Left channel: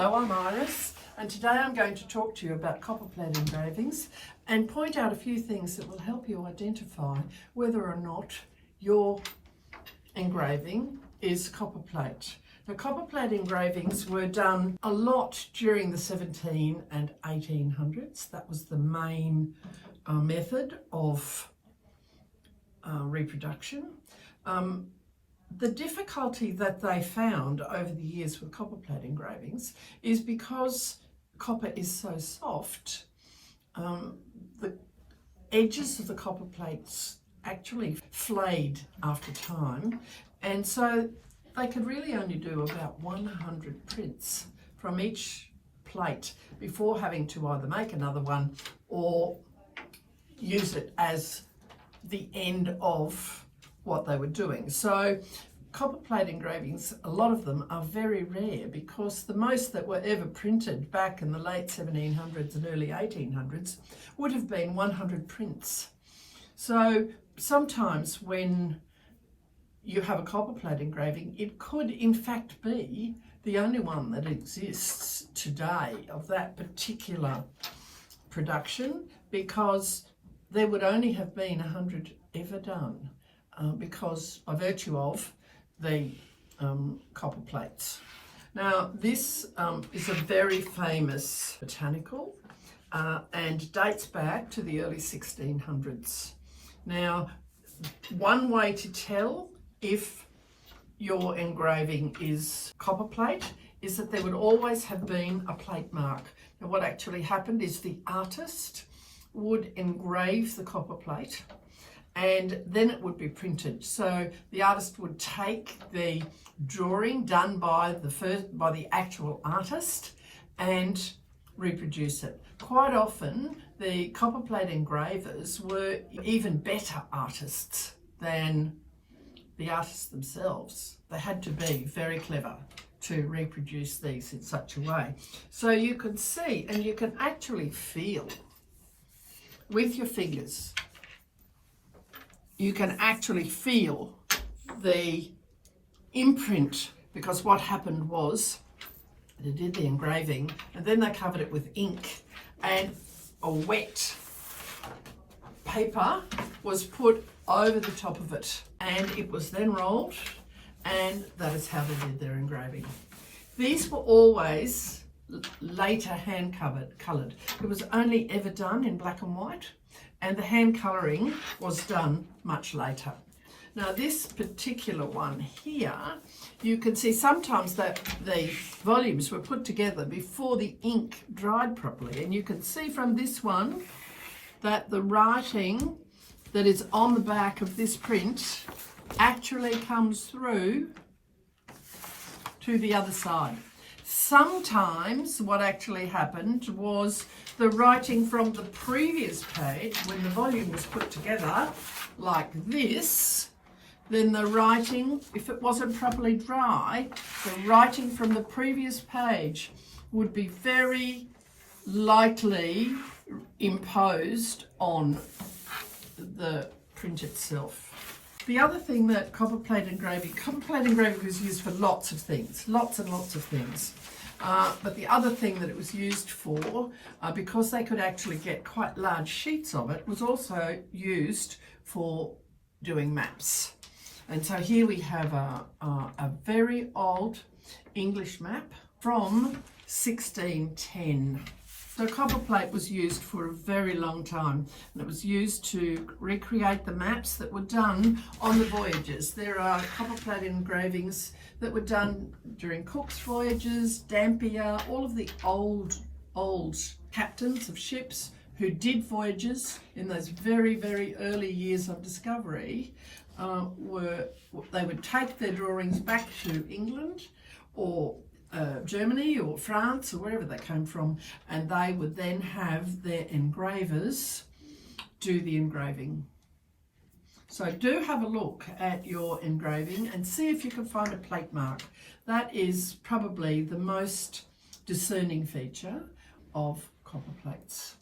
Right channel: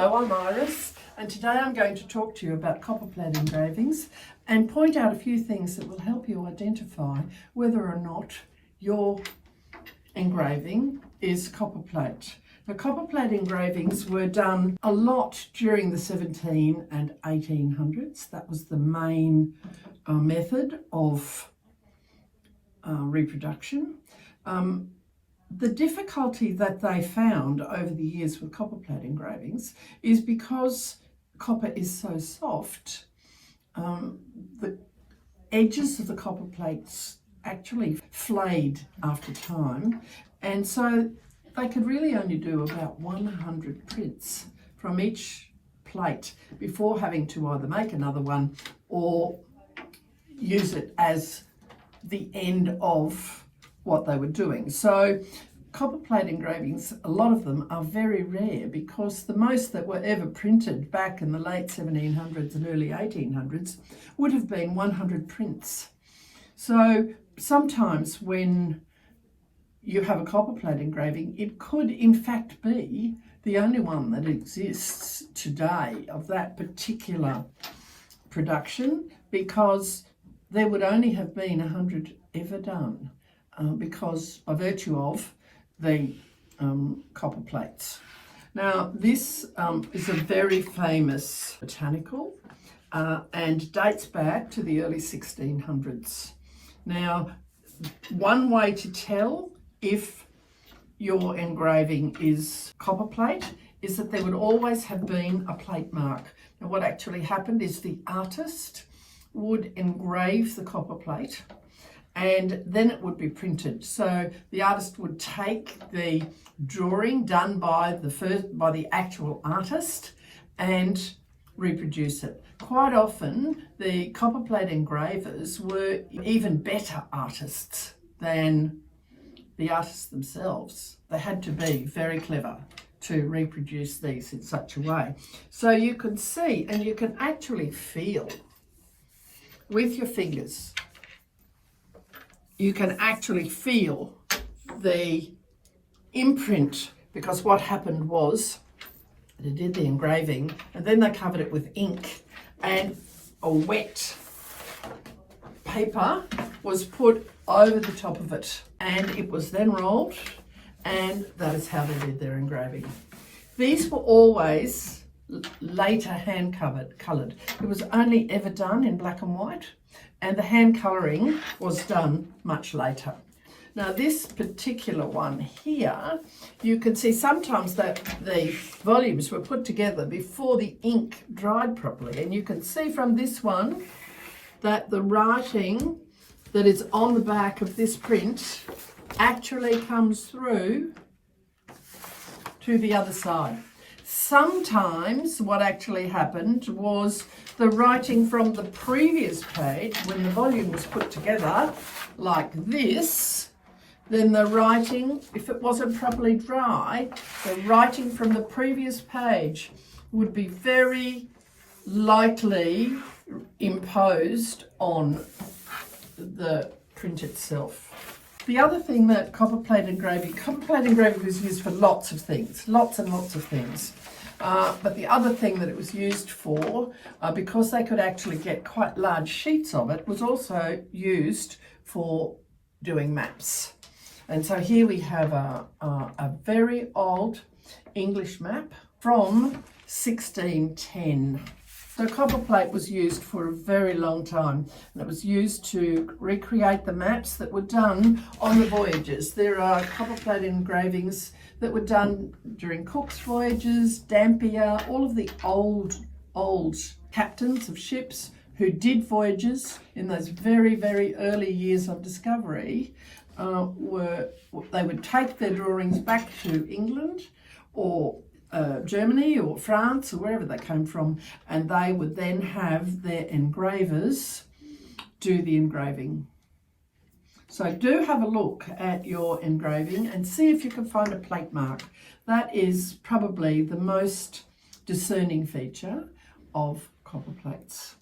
Hello, I'm Iris, and today I'm going to talk to you about copperplate engravings and point out a few things that will help you identify whether or not your engraving is copperplate. Now, copperplate engravings were done a lot during the 17 and 1800s. That was the main method of reproduction. The difficulty that they found over the years with copperplate engravings is because copper is so soft, the edges of the copper plates actually flayed after time, and so they could really only do about 100 prints from each plate before having to either make another one or use it as the end of what they were doing. So copperplate engravings, a lot of them are very rare because the most that were ever printed back in the late 1700s and early 1800s would have been 100 prints. So sometimes when you have a copperplate engraving, it could in fact be the only one that exists today of that particular production, because there would only have been 100 ever done. Because by virtue of the copper plates. Now, this is a very famous botanical and dates back to the early 1600s. Now, one way to tell if your engraving is copperplate is that there would always have been a plate mark. Now, what actually happened is the artist would engrave the copper plate and then it would be printed. So the artist would take the drawing done by the actual artist and reproduce it. Quite often, the copperplate engravers were even better artists than the artists themselves. They had to be very clever to reproduce these in such a way. So you can see, and you can actually feel with your fingers, you can actually feel the imprint, because what happened was they did the engraving and then they covered it with ink, and a wet paper was put over the top of it and it was then rolled, and that is how they did their engraving. These were always later hand coloured. It was only ever done in black and white, and the hand colouring was done much later. Now, this particular one here, you can see sometimes that the volumes were put together before the ink dried properly, and you can see from this one that the writing that is on the back of this print actually comes through to the other side. Sometimes what actually happened was the writing from the previous page, when the volume was put together like this, then the writing, if it wasn't properly dry, the writing from the previous page would be very lightly imposed on the print itself. The other thing that copperplate engraving was used for lots of things, lots and lots of things. But the other thing that it was used for, because they could actually get quite large sheets of it, was also used for doing maps. And so here we have a very old English map from 1610. So copperplate was used for a very long time, and it was used to recreate the maps that were done on the voyages. There are copperplate engravings that were done during Cook's voyages, Dampier, all of the old captains of ships who did voyages in those very, very early years of discovery. They would take their drawings back to England or Germany or France or wherever they came from, and they would then have their engravers do the engraving. So do have a look at your engraving and see if you can find a plate mark. That is probably the most discerning feature of copper plates.